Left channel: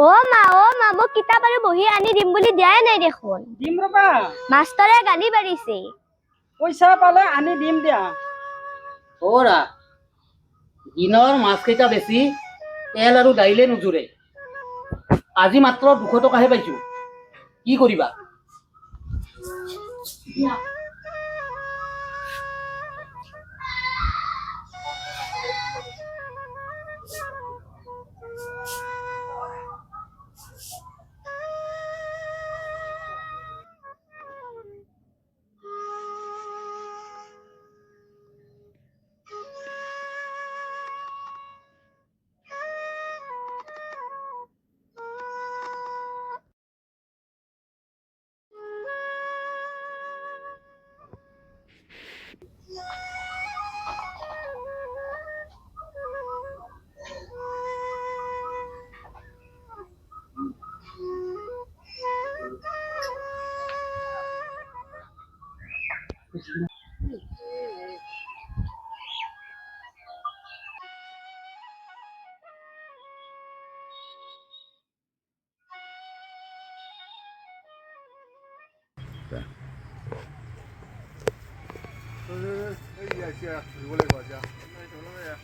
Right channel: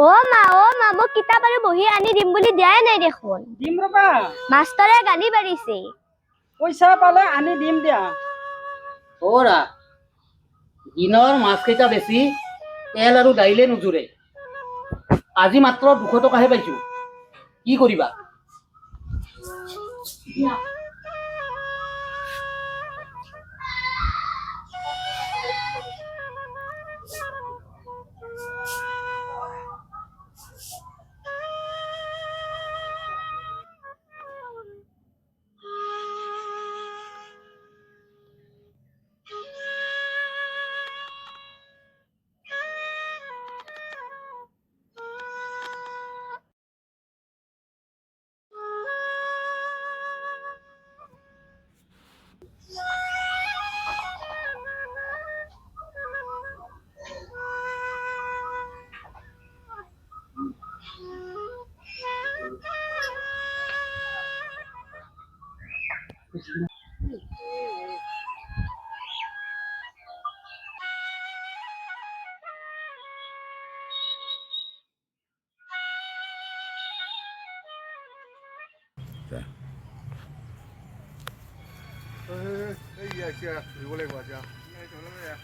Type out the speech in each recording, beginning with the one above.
অ মা মোক কিতাপ আৰু বহি আনি দিম বুলি দিয়াই নাই দেখোন। দিম ৰবা। মাষ্টৰে গালি পাৰিছে। পইচা পালে আনি দিম দিয়া। অৰা দিনৰ মাছকেইটা বেছি তেল আৰু দাইলে নোজোৰে। আজি মাত্ৰ 200 টকাহে পাইছো। কি কৰিবা?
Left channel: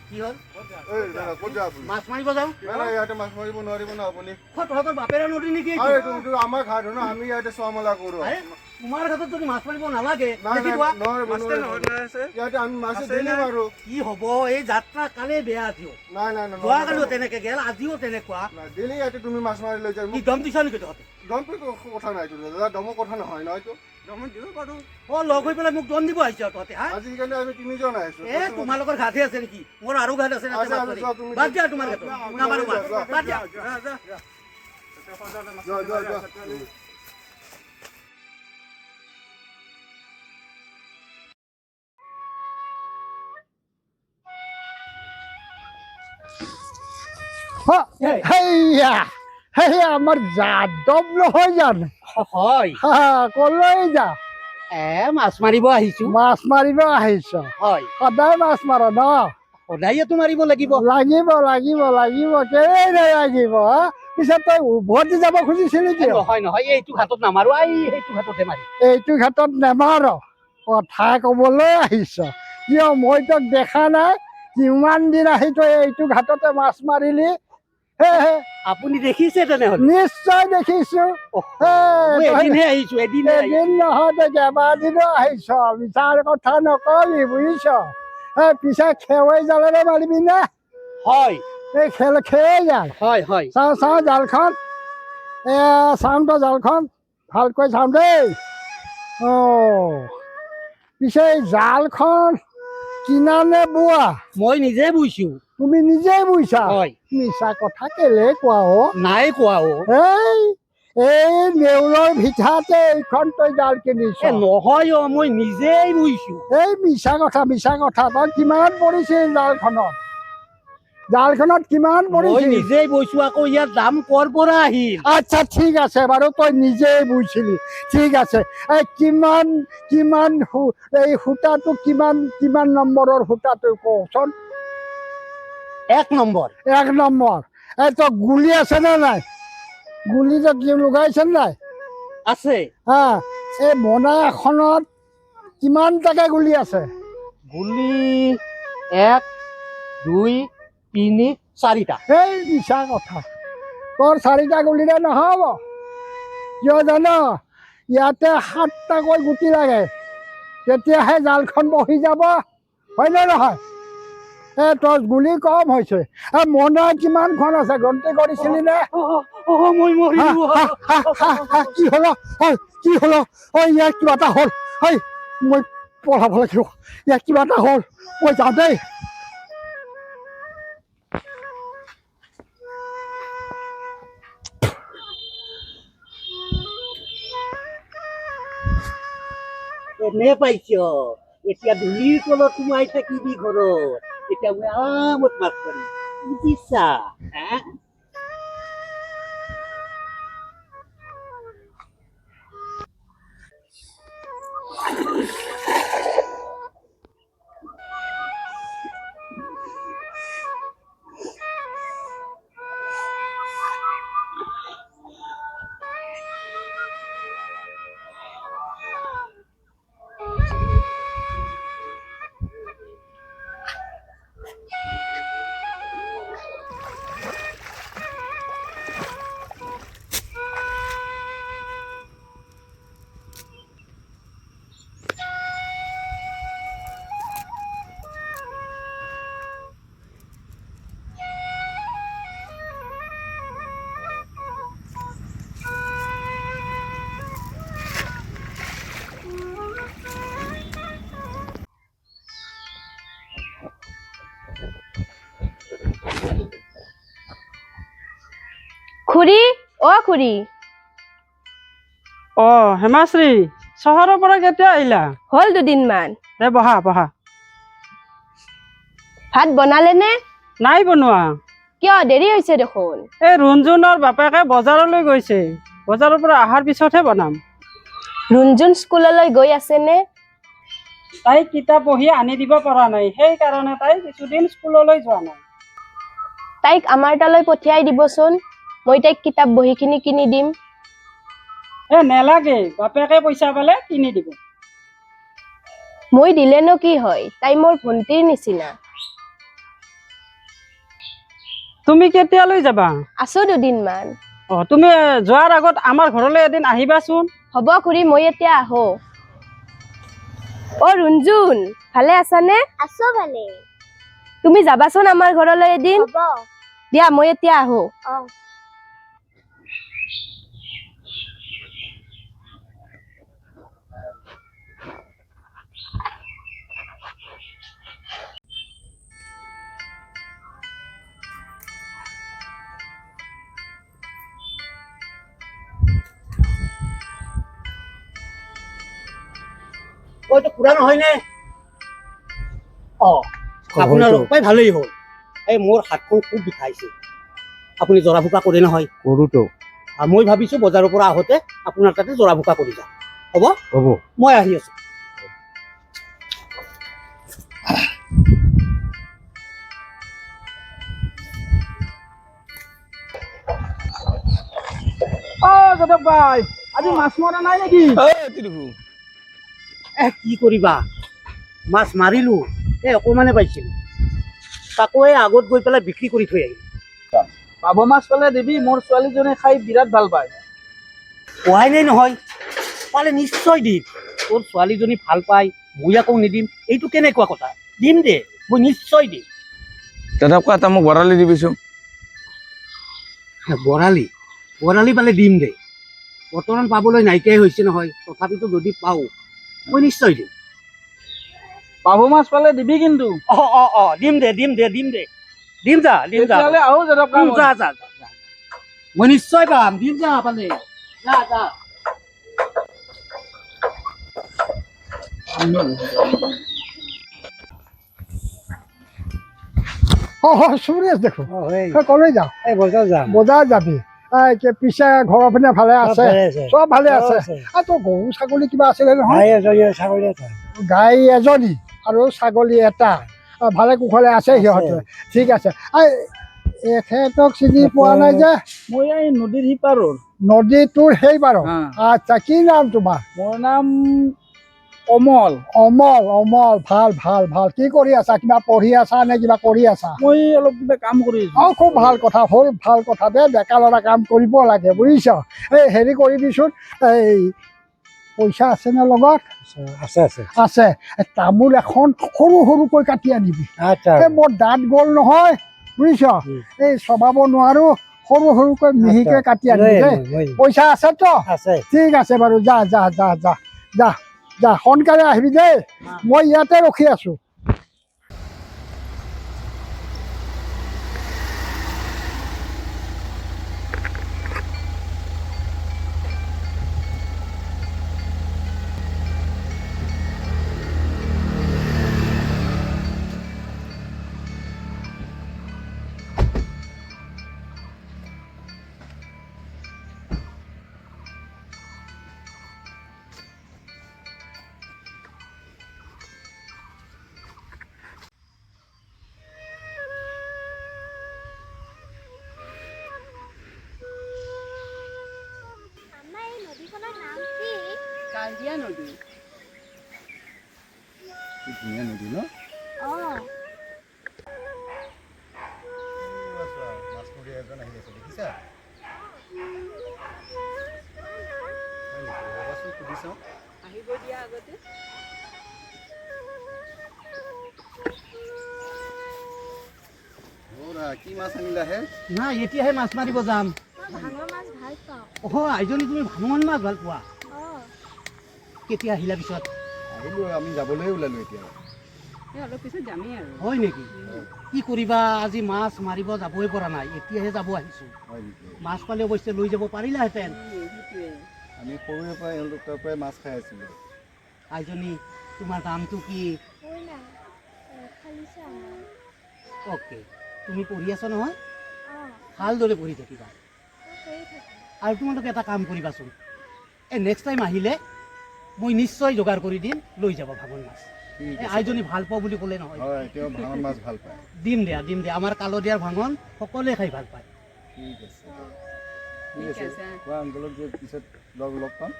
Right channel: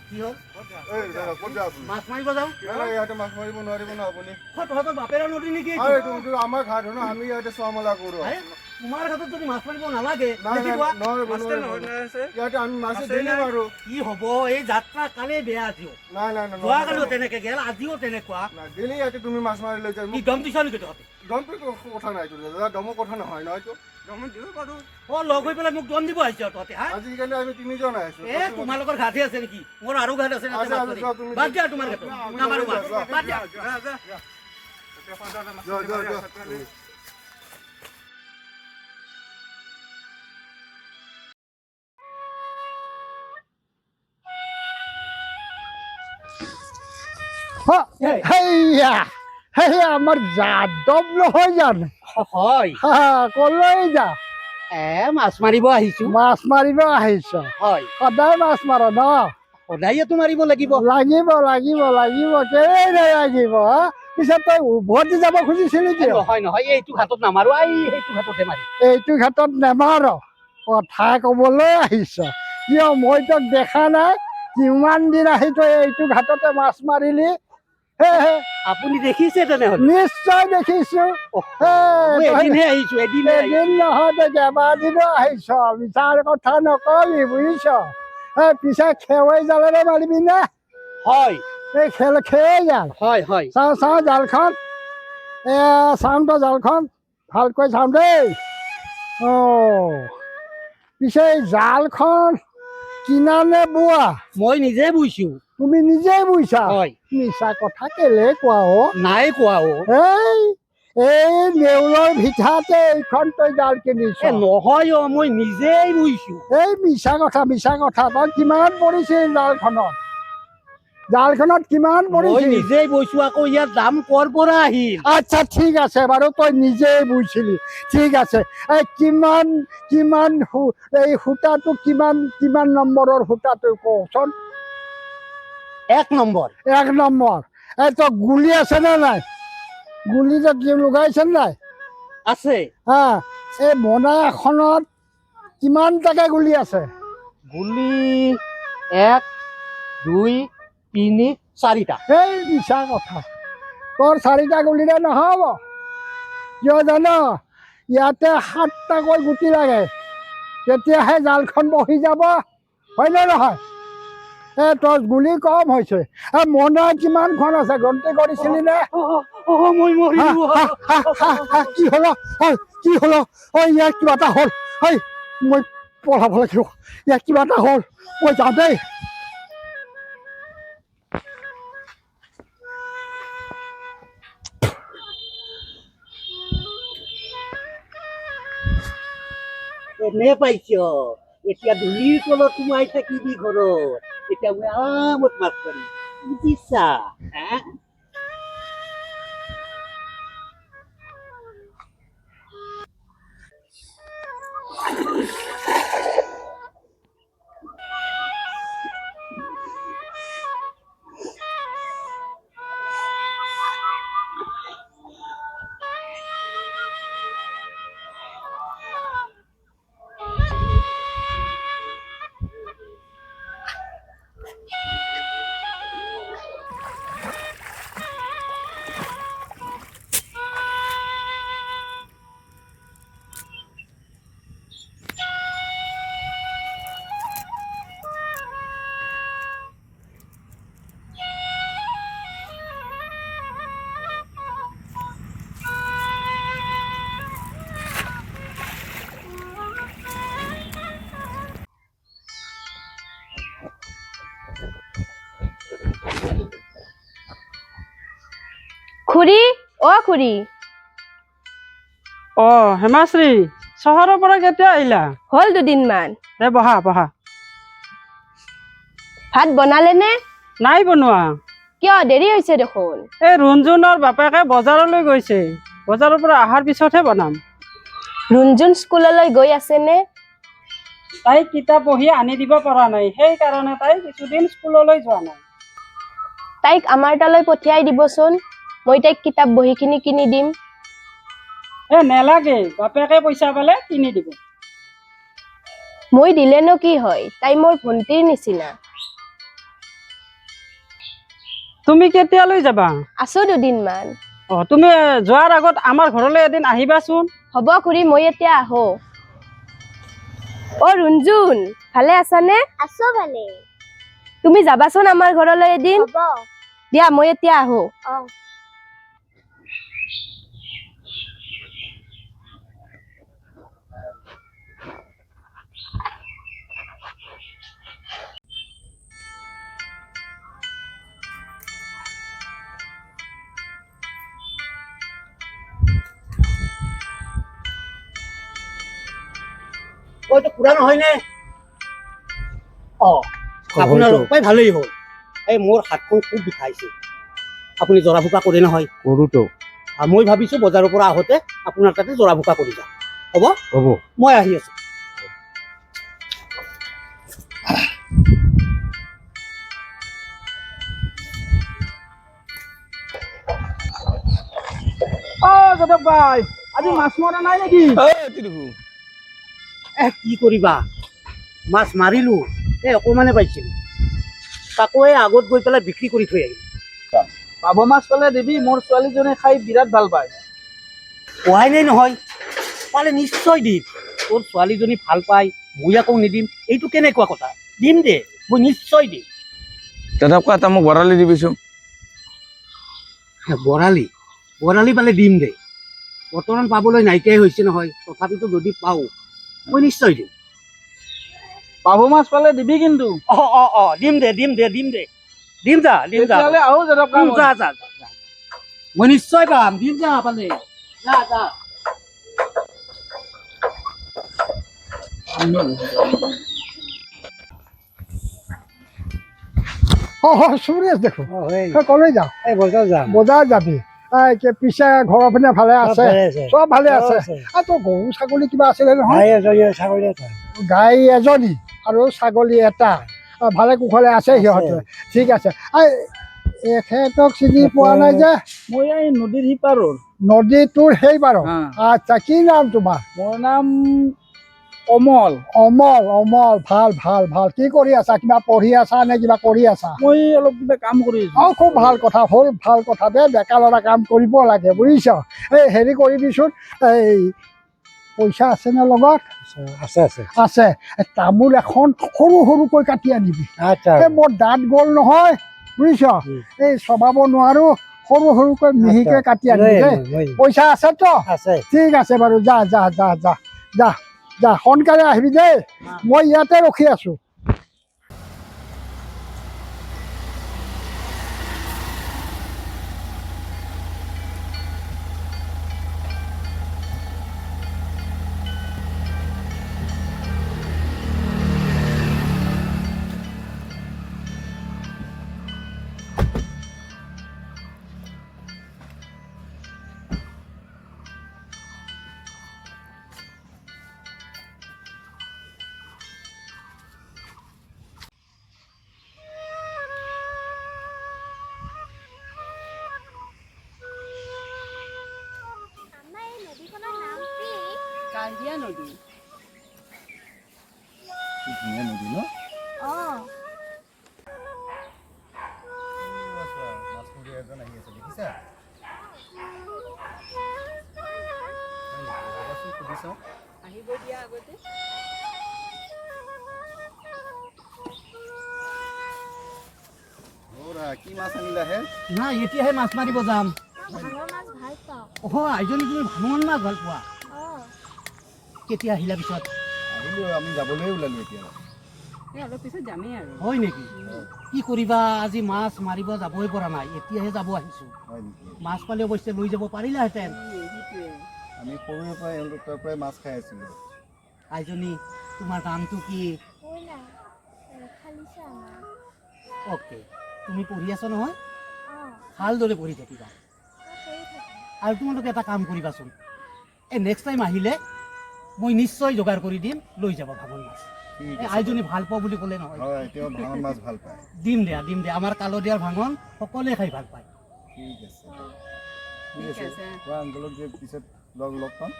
কি হ'ল? মাছ মাৰিব যাওঁ? ইয়াতে মাছ মাৰিব নোৱাৰিব ন আপুনি? তহঁতৰ বাপেৰে নদী নেকি? আমাৰ ঘাট ন, আমি ইয়াতে চোৱা মেলা কৰো। তোমাৰ ঘাটত যদি মাছ মাৰিব নালাগে ইয়াতে আমি মাছ ডেইলি মাৰো। কি হব? এই যাত্ৰা কালে বেয়া আজিও। নাই যোৱাকালিও তেনেকে গেল, আজিও তেনেকুৱা। ডেইলি ইয়াতে তুমি মাছ মাৰি লৈ যাই। কি দম দিছ নেকি তহঁতে? দমটো কথা নাই দাদা, দমৰ কথা নহয় ন এইটো। লগ হৈ পেলাই মোক দম দিব আহিছে তহঁতে। আজিকালি আমি 3 জন আহিছো। তোমালোকৰ ঘাটে আছে নেকি? মোৰ আৰু ঘাট আছে। বাদ দিয়া তোমাৰ ঘাটত নামাৰো মাছ। বাদ দিয়া। আমাৰ যাদৱ নহয় জানো? হয়। কলৈ যা? মাছ মাৰিব আহিছো। মাছ মাৰিব আহিছ? হয়। সদায় মাছ মাৰ ন? সদায়তো মাৰিব লাগিব। লাগিব লাগিব লাগিব, কেলেই নালাগিব? পিছত তই উভতি যাব খুজিছিলি কিয়? নহয় এইটো ঘাটত নামাৰো, সেইটো ঘাটতে মাৰিম। এইটো ঘাটত নেমাৰ? কথা কবলৈ আহিছ? কিয় মই তোক দেখা নাই? কিমান দিন আহি তই এইটো ঘাটতে মাছ মাৰিলি? আপুনি দেখিছে তেনেহলে? নিশ্চয় দেখিছো। এদিনহে আহিছো, এদিন নহয় তই কেইবাদিনো আহিছ। মিছাৰ কথা নকবি বুজিছ? পিছে খেৱাই জালেৰে মাৰিবি নে? হয়। এই খেৱাই জাল? হয়। চাওঁ জালখন। চাওঁ তো জালখন, ভালকৈ চাওঁ দেই। পিছে এই জালখন কিনা নে বোৱা? মই নিজে বুইছো। তুমি নিজেই বুইছা? হয়। মিছা কথা কেলে কোৱা? নাই কোৱা। এই নেউলৰ ভিঠাতে এইখন তই জাল কিনিছ? নহয় মই নিজেই বুইছো। এই মিছা কথা। তই কিমান পৰিছিল জালখনত কিমান পৰিছিল? মই নিজেই বুইছো, আকৌ ইয়াৰ দাম কৰ পৰা আহিল? আচ্ছা ঠিক আছে বাৰু, তই নিজেই বুইছিলি। ঠিক আছে, এই কিমান এই সূতাটো কিমান নম্বৰৰ সূতাটো কচোন? 1 নম্বৰ। 1 নম্বৰ। এই তই গুলি আছে নে নাই? গুলিটো কি লগাইছে নাই? আছে। এই মোনা এখনত কিমানটাকে গুলি আছে? গুলি 1 2 3 4টা। এই মিছা কথা। তোৰ 4টা গুলিৰে নহব। কিয় জান? ইয়াতে 7টাকৈ গুটি লাগে, তেতিয়াহে জালখন বহি যাব। হয় নে নহয়? তোৰ গুলি কম হৈছে। মোনা কিমানখন আছে গন্তি কৰিছিলি নে? মই মৰিলো। কি হলো? ইয়াৰ কিবা এটা হ'ল। মই পঢ়াব লাগিব। ইয়াৰ কিবা এটা হ'ল, মই যাওঁ দেই। এনে পাইছ? এতিয়া ধূলিৰ তলত সোমাই থাকিবি ঘৰত। এতিয়া মই আৰামত মাছ মাৰিম, বুজিছা? খুৰী অ খুৰী অ হেমাশ্ৰী চহৰৰ পৰা কেতিয়া আহিলা হ'ল দুদিনমান দে বহা বহা ভাত বনালে নে নাই বনোৱা কিয় দেৰি হৈছে দেখোন এই ৰুণজুনৰ বাপেকে বজাৰলৈ গৈছে বজাৰৰ পৰা অহাৰ পিছতহে বনাম ৰুণজুন স্কুললৈ গৈ আছে নে তাই কিতাপ বহি আনি দিব পৰা নাই সেইকাৰণে তাই কিছুদিন স্কুললৈ যোৱা নাই তাইক আমাৰ তালৈ পঠিয়াই দিবচোন মই তাইক কিতাপ বহীখিনি কিনি দিম নেলাগে বাপেকে পইচা পালে কিনি দিব মই দিলেনো কি হয় তাই মোৰ ভণ্টিৰ নিচিনা তুমি কেতিয়ালৈ যাবা আছো দুদিনমান অ তুমি যোৱাৰ আগত আমাৰ ঘৰলৈ এদিন আহিবাচোন হ'ব খুৰী মই এতিয়া আহো অ ৰুণজুন ভালে আছানে আছো ভালে তুমি যাবাচোন আমাৰ ঘৰলৈ এদিন হ'ব দিয়া মই এতিয়া আহো অ এইটো খুৰা নহয়নে আপোনালোক পাই ভালেই হ'ল এই মোৰ হাতখন খুব বিষাইছে আপুনি জৰা ফুকা কৰে নহয় কৰোঁতো মই ভাবিছোঁ বজাৰৰ পৰা আহোঁতে আপোনাৰ তাতে জৰা ফুকা কৰি যাম হ'ব হ'ব মই আহি আছোঁ যাদৱ ভাই আজি মাছ মৰা নাই নেকি কি কৰিবা মাছ মাৰিলোঁ অকণমানে পাইছিলোঁ তাকো এই আগত গৈ পেলাই বিক্ৰী কৰি থৈ আহিলোঁ পাভ মাছ পালে দিবি মোৰ ছোৱালীজনী খাই বিৰাট ভাল পায় পোৱাই নাই নহয় পালে নিশ্চয় দিম তোৰ ছোৱালীজনী ভাল পায় মই আকৌ নিদিম এইটো কেনেকুৱা কথা দিম দে মই নিশ্চয় দিম তেনেকুৱা এটা মোক বৰালি দিবিচোন বৰালি পালে দিম দে বৰ্তমান পাবলৈ নাইকিয়াই হৈছে নহয় তথাপিতো যদি পাওঁ মই নিশ্চয় দিম পাভ মাছ পালে দিবি কিন্তু দিম দে দিম যা তেতিয়াহ'লে আহো যাদৱ যা মই নিশ্চয় পাম দিম যা পালে যা সুৰেশ দেখোন কলৈ যাওঁ এই বজাৰ যাম বজাৰ যাবি পিছে ঘৰৰ পিনে ভালে আছে চব ভালে আছে তোৰ গৰু ছাগলী কিবা আছিলে নহয় গাই এজনী আৰু ছাগলী এটা ভালে কুশলে আছে সিহঁতে ঠিক আছে এখেতক চিনি পোৱা নাই যে মই এই নদীৰ সিপাৰৰ নদীটোৰ সেইবাৰো আচ্ছা কি নাম তোমাৰ মোৰ নাম অমল অমল ভাল ভাল ভাল কি কৰি আছা কিবা পঢ়ি আছা নে কিবা কৰি আছা মই অলপ কিবা কাম কৰি আছো খুব ভাল কথা হ'ল ভাল কথা দে ডেকা ল'ৰা কাম কৰিব লাগে বুজিছ এই হেৰি কৰিবিচোন এই পইচা আছেনে লগত আছে তামোল এখন সৰু সৰুকৈ কাটি আনিবি এই মোৰ দাঁত গ'ল নহয় বুজিছ এই চবাব নোৱাৰো সৰু সৰুকৈ মিহিকৈ কাটি আনিবি দেই পইচা আছেতো ঠিক আছে বাৰু যা সোনকালে আহিবি দেই মই ইয়াতে ৰখি আছো কালিয়া নদী ধুনীয়া নদী ন মাছমৰীয়া এজন আহি আছে দেখিছা সুধি চাওঁ আহিব দিয়া আগতে কি মাছ আনিলা হে নাই এতিয়াহে মাছ মাৰিব যাম ভাঙৰ মাছ ভাল পাওঁ আইজনী তুমি ভাঙন মাছ ভাল পোৱা কেতিয়া আহিলা পিছত আহিলোঁ আমি যাবলৈ ওলালোঁ এতিয়া অলপ পিছত যামেই আৰু হয় নেকি কি কৰিবা আজি মাছ মাৰিব যাবই পৰা নাই এতিয়াহে যাব আহিছো হয় নেকি মাছ পালে অৱশ্যে লৈ যাব পাৰিলাহেঁতেন আমি সৰুৰে পৰাই এওঁলোকৰ পৰাই মাছ খাই আছিলোঁ আইজনী তোমাৰ নামটো কি মোৰ নাম খালিছা আমাৰ অ'কে তুমি পঢ়ি আছা নহয় অঁ ভালদৰে পঢ়ি থাকিবা মই কৰি থাকোঁ আৰু তোমালোকে এটা কাম কৰিবাচোন এই নেক্সট টাইম আহিলে মই নিশ্চয় যোগাৰ কৰি দিম লৈ যাব ভাঙন মাছ ঠিক এই আছে আইজনী ভাল পাওঁ বুলি ক'লে নহয় হয় তেওঁ ভাঙন মাছ ভাল পায় দিম দিয়া আমাৰ কালদিয়াৰ ভাঙন সকলোৱে খাই ভাল পায় ঠিক আছে অঁ ঠিক আছে কোৱা আংকলক যে পিছত লগ পাম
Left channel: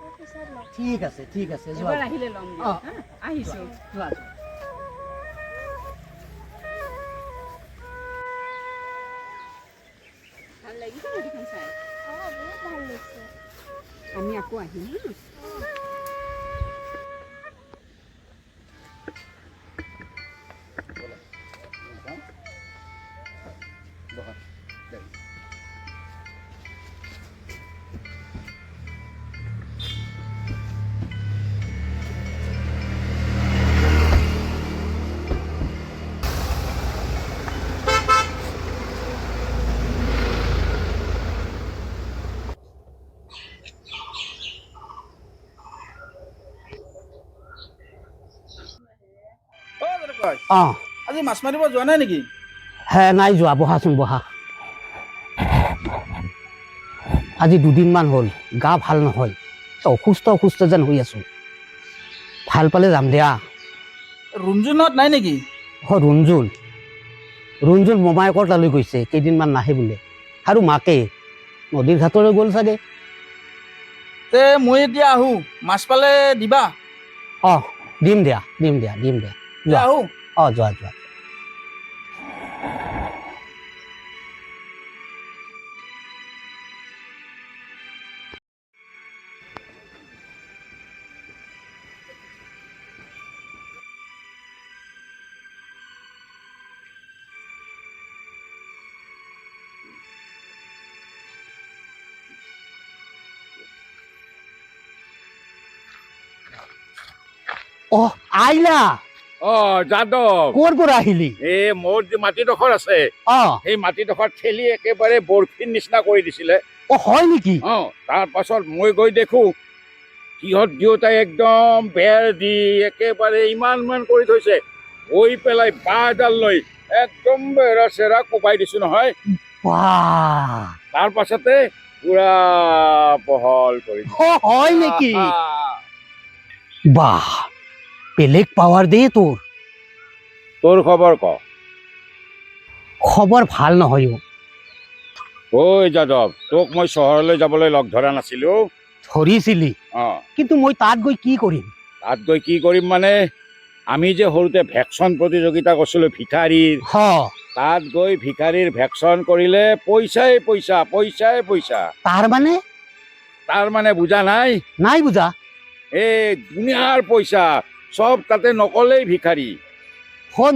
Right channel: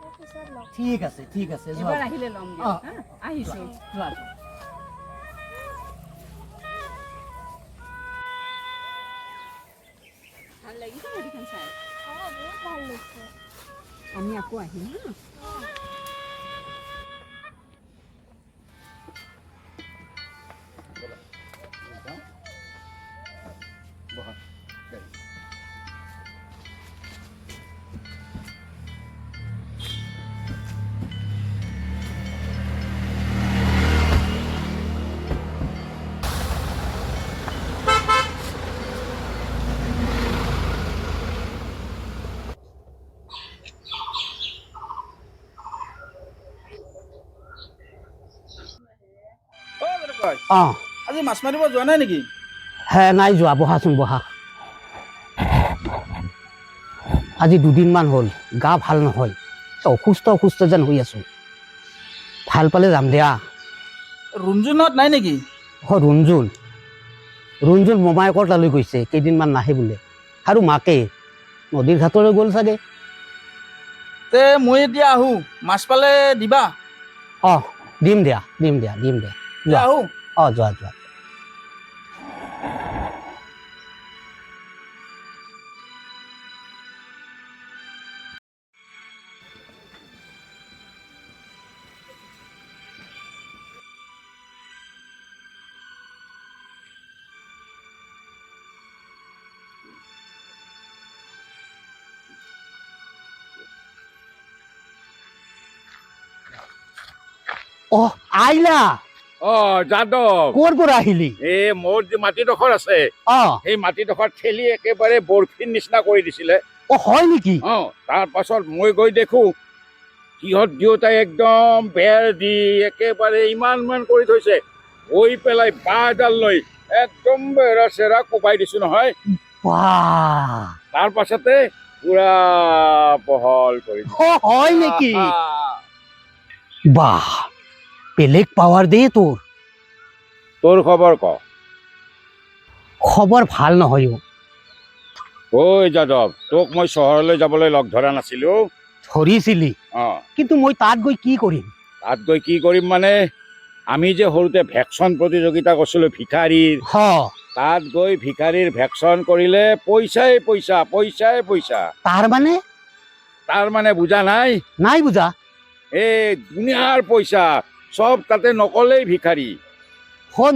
মই পিছত লগ ঠিক আছে যোৱা এবাৰ আহিলে ল'ম অ দিয়ক হা আহিছোঁ যোৱা ভাল লাগিছে নদীখন চাই অঁ বহুত ভাল লাগিছে আমি আকৌ আহিম হা অঁ বহা গাড়ী অঁ আজি মাছ মাৰিব যোৱা নাই নেকি হে নাই যোৱা বহাচোন বহা আজি দুদিনমান হ'ল গা ভাল নহয় অসুস্থ যেন হৈ আছো ভাল পালে যাম দিয়া ৰুণজুনত নাই নেকি ৰুণজুন মোমায়েকৰ তালৈ গৈছে কেইদিনমান নাহে বোলে আৰু মাকে নদীৰ ঘাটলৈ গ'ল চাগে তে মই এতিয়া আহো মাছ পালে দিবা অঁ দিম দিয়া এতিয়া যোৱা আহো অঁ যোৱা অঁ আহিলা অ যাদৱ ক'ৰ পৰা আহিলি এই মোৰ যে মাটিডোখৰ আছে অঁ সেই মাটিডোখৰ ঠেলি একেবাৰে বৰফিৰ নিচিনা কৰি দিছিলে অঁ হয় নেকি অ তাৰ পাছত মই গৈ দেখো সিহঁত দুয়োটাই একদম বেৰ দি একেবাৰে ইমান কৰি থৈছে গৈ পেলাই বাঁহ এডাল লৈ একদম বেৰা চেৰা কোবাই দিছো নহয় বাহ তাৰ পাছতে পুৰা বহল কৰি দিছো। অঁ হয় নেকি বাহ বেলেগ পাৱাৰ দেই তোৰ খবৰ ক খবৰ ভাল নহয় ঐ যাদৱ তোক মই চহৰলৈ যাবলৈ লগ ধৰা নাছিলো ধৰিছিলি অ কিন্তু মই তাত গৈ কি কৰিম তাত গৈ কি কৰিম মানে আমি যে সৰুতে ভেকচন প্ৰতিযোগিতা কৰিছিলো ভিখাৰীৰ হ তাত গৈ ভিখাৰীৰ ভেকচন কৰিলে পইচাই পইচা তাৰ মানে বুজা নাই নাই বুজা এই দুনিয়াৰ পইচা চব তাতে নকলেই ভিখাৰী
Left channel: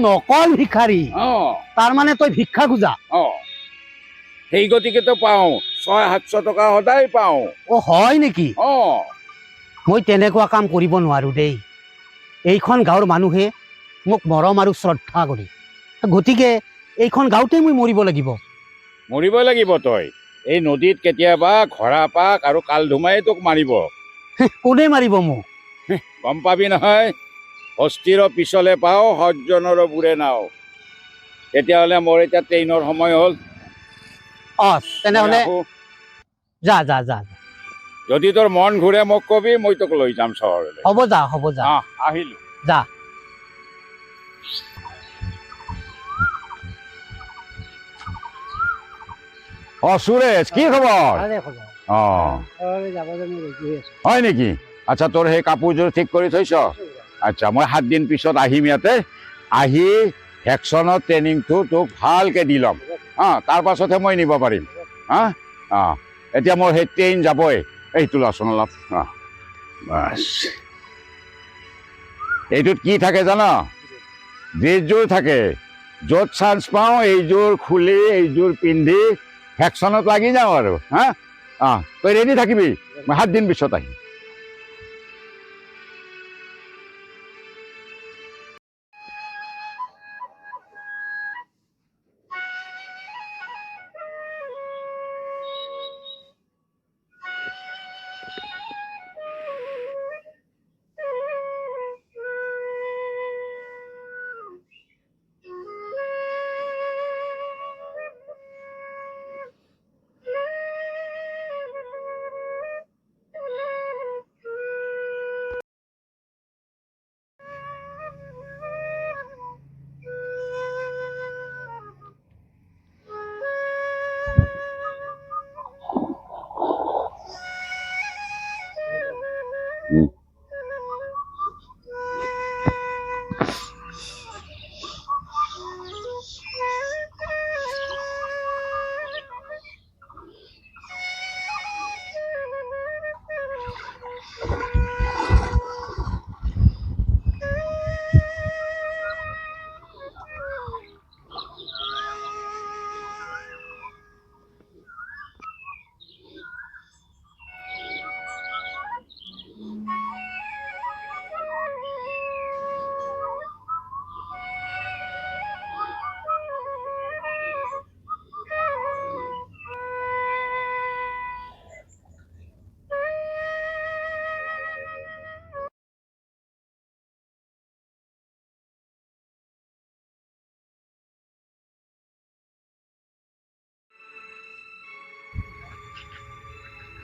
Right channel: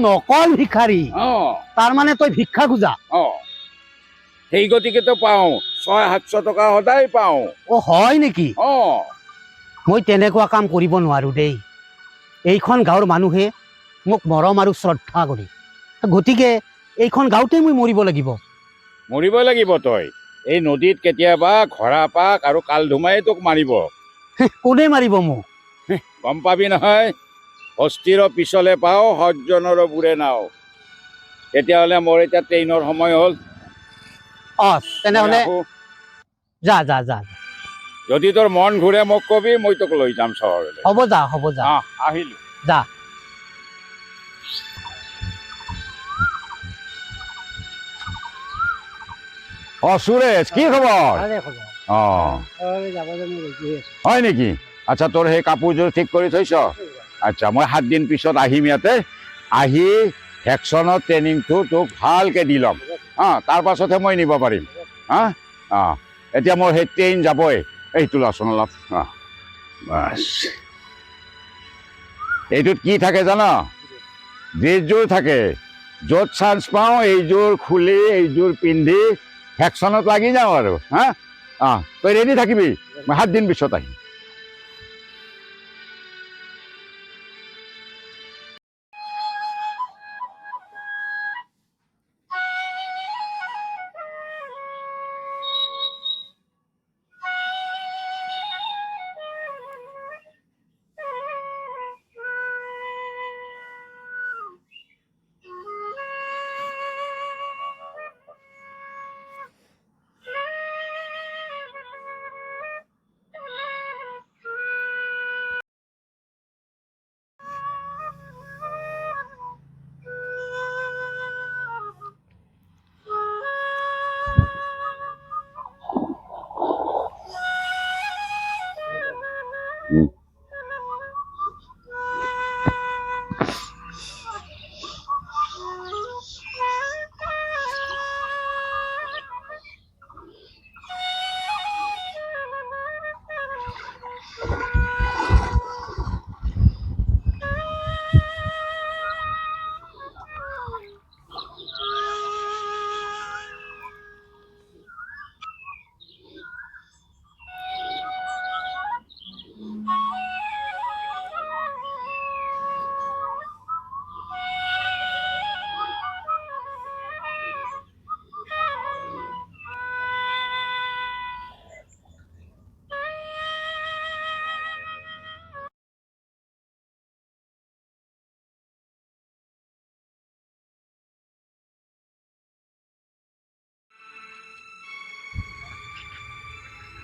নকল ভিখাৰী অ তাৰমানে তই ভিক্ষা খোজা অ সেই গতিকেতো পাওঁ 600-700 টকা সদায় পাওঁ অ হয় নেকি অ মই তেনেকুৱা কাম কৰিব নোৱাৰো দেই এইখন গাঁৱৰ মানুহে মোক মৰম আৰু শ্ৰদ্ধা কৰে গতিকে এইখন গাঁৱতে মই মৰিব লাগিব তই এই নদীত কেতিয়াবা ঘৰাপাক আৰু কালধুমাই তোক মাৰিব কোনে মাৰিব মোক গম পাবি নহয় হস্তিৰ পিছলে পাওঁ সজ্জনৰ বুৰে নাও তেতিয়াহ'লে মোৰ এতিয়া ট্ৰেইনৰ সময় হ'ল তেনেহ'লে মই আহো। যা যদি তোৰ মন ঘূৰে মোক কবি মই তোক লৈ যাম চহৰলৈ হ'ব যা আহিলো যা সুৰেশ কি খবৰ অ যাবলৈ মই ৰেডি আছো হয় নেকি আচ্ছা তোৰ সেই কাপোৰযোৰ ঠিক কৰি থৈছ আচ্ছা মই 7 দিন পিছত আহিম ইয়াতে আহি ভেকচনৰ ট্ৰেইনিংটো তোক ভালকে দি ল'ম তাৰ পাছতহে মই নিব পাৰিম এতিয়া মোৰ সেই ট্ৰেইন যাবই এইটো লচোন অলপ বাছ এইটোত কি থাকে জান ড্ৰেছযোৰ থাকে য'ত চান্স পাওঁ এইযোৰ খুলি এইযোৰ পিন্ধি ভেকচনত লাগি যাওঁ আৰু তই ৰেডি থাকিবি মই 7 দিন পিছত আহিম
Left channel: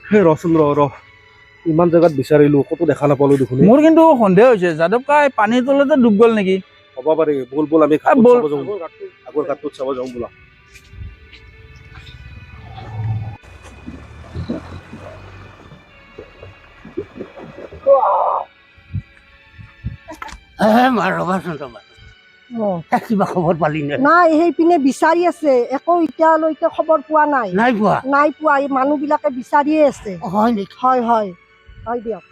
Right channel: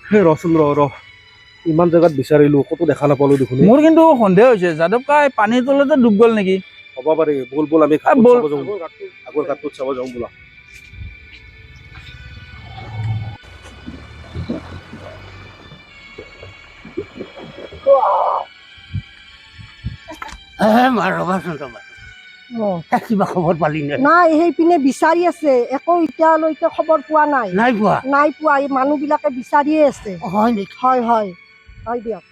হে ৰচোন ৰ ইমান জেগাত বিচাৰিলো ক'তো দেখা নাপালো দেখোন মোৰ কিন্তু সন্দেহ হৈছে যাদৱ কাই পানীৰ তলতে ডুব গ'ল নেকি হ'ব পাৰে বল আমি ঘাটত বল। চাব যাওঁ আগৰ ঘাটটোত চাব যাওঁ বোলা ৰবাচোন কিবা খবৰ পালি নে নাই সেইপিনে বিচাৰি আছে একো এতিয়ালৈকে খবৰ পোৱা নাই নাই পোৱা নাই পোৱা এই মানুহবিলাকে বিচাৰিয়ে আছে হয় নেকি হয় হয় হয় দিয়ক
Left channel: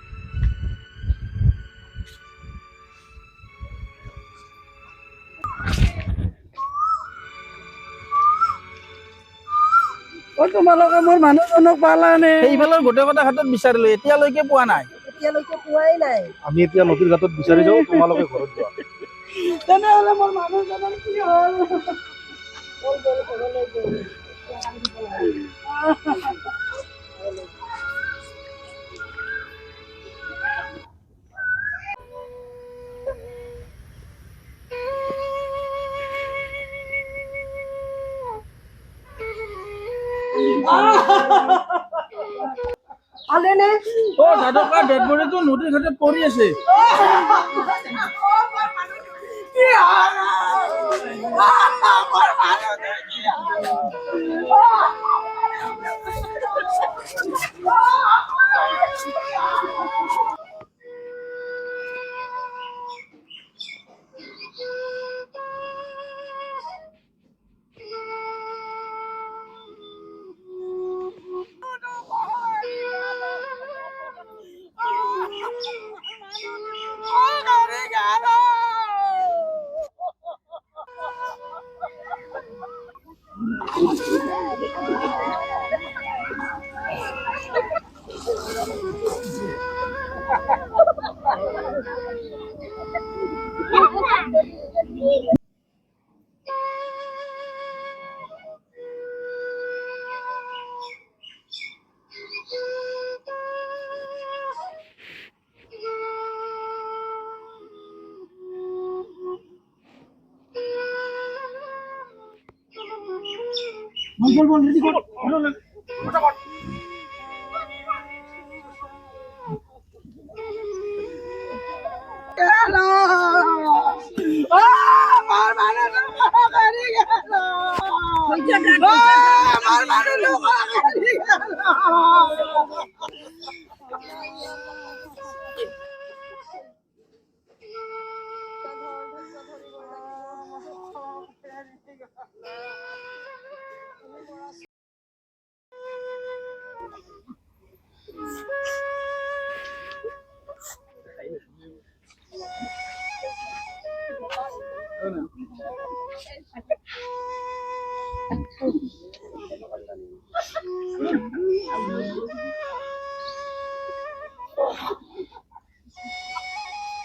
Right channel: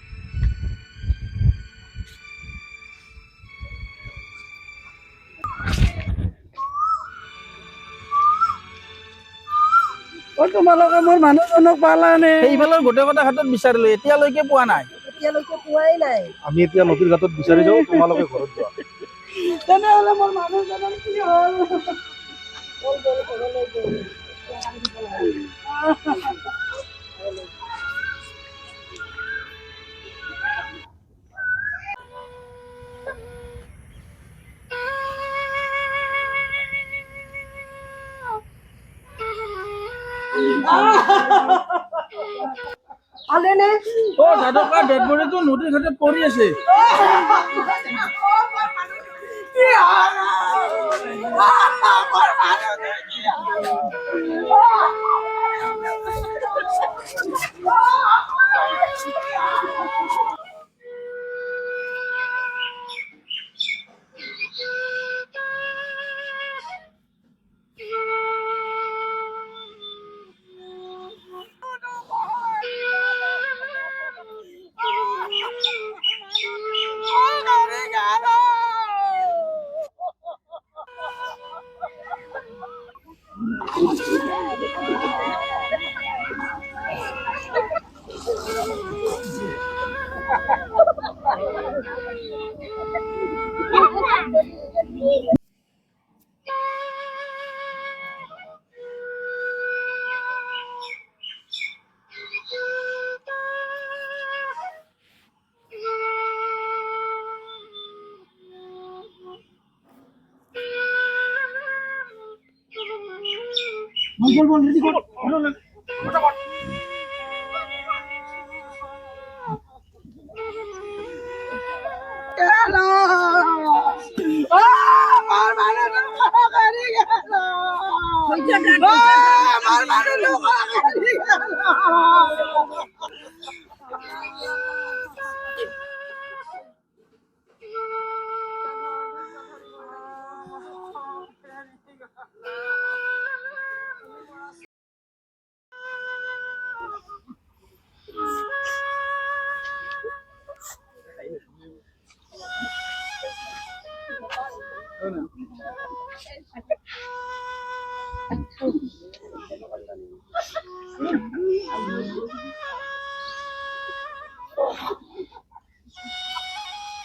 তোমালোকে মোৰ মানুহজনক পালানে সেইফালৰ গোটেইকেইটা ঘাটত বিচাৰিলো এতিয়ালৈকে পোৱা নাই এতিয়ালৈকে পোৱাই নাই আমি এতিয়া নদীৰ ঘাটত বিচাৰি যাওঁ তোমালোকে ঘৰত যোৱা তেনেহ'লে মোৰ মানুহজনৰ কি হ'ল পালেনে অ যাদৱ কাৰ ডেড বডিটো নদীৰ ঘাটত পৰি আছে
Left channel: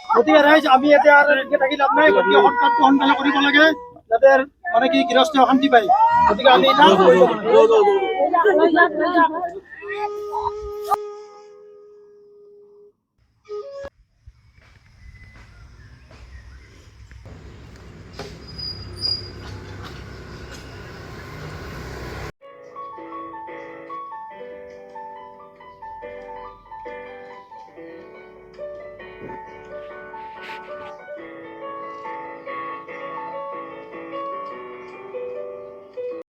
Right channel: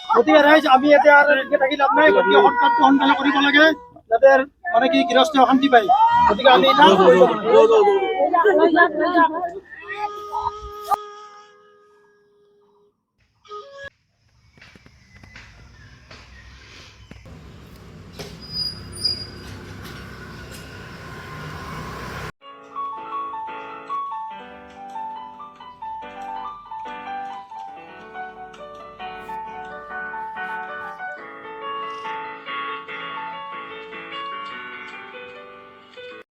গতিকে ৰাইজ আমি এতিয়া আৰু এনেকে থাকি লাভ নাই গতিকে সোনকালে কৰিব লাগে যাতে মানে কি গৃহস্থ অশান্তি পায় গতিকে আমি